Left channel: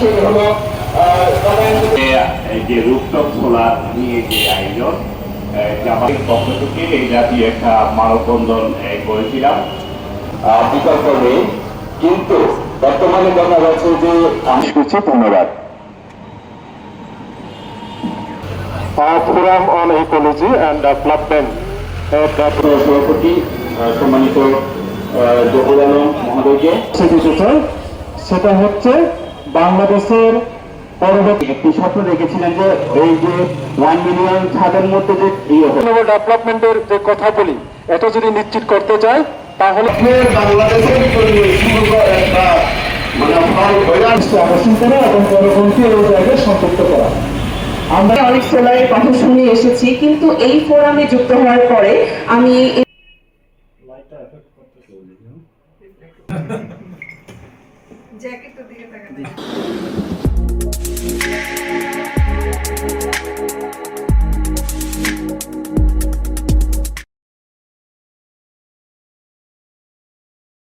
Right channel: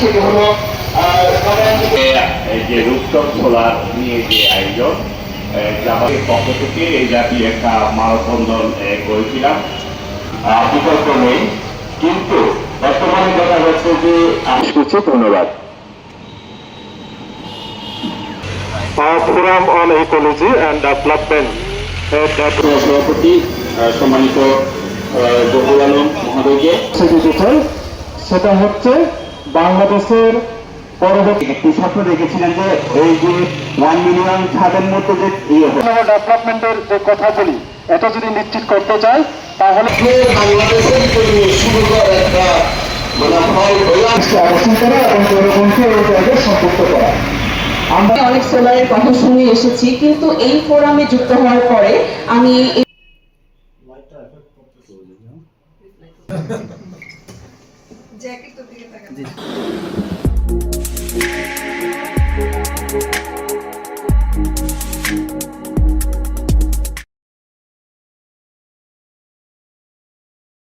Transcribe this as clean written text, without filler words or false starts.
সেটি হলো যে রূপচর খোলা নিয়ে যে আয়োজন জামাতের পক্ষ থেকে এই জাতীয় একটা মানববন্ধন করেছিলাম বিকল্পে, কিন্তু বর্তমানে দেখা যাচ্ছে যে ধন্যবাদ। Forum on Ecology and Development সভাপতি সম্মানিত জহুর আলম মহোদয়কে সেটা হচ্ছে বাংলাদেশের পরবর্তী একটি স্বপ্ন দেখেছিলেন যে এই যে 1 মিলিয়ন ছাদের মধ্যে যে ডেভেলপমেন্টের যে কথা বলি, এটা যদি নিশ্চিত করতে চাই তাহলে বাংলাদেশের একটা অবস্থান করা এবং জনগণকে এই জায়গায় সম্পৃক্ত করা। আমরা অনেক সোলারের কথা শুনে এসেছি, কিন্তু এই ফোরামে যুক্ত হওয়ার পরে আমি জ্যাকেট তো দিকে তাকান।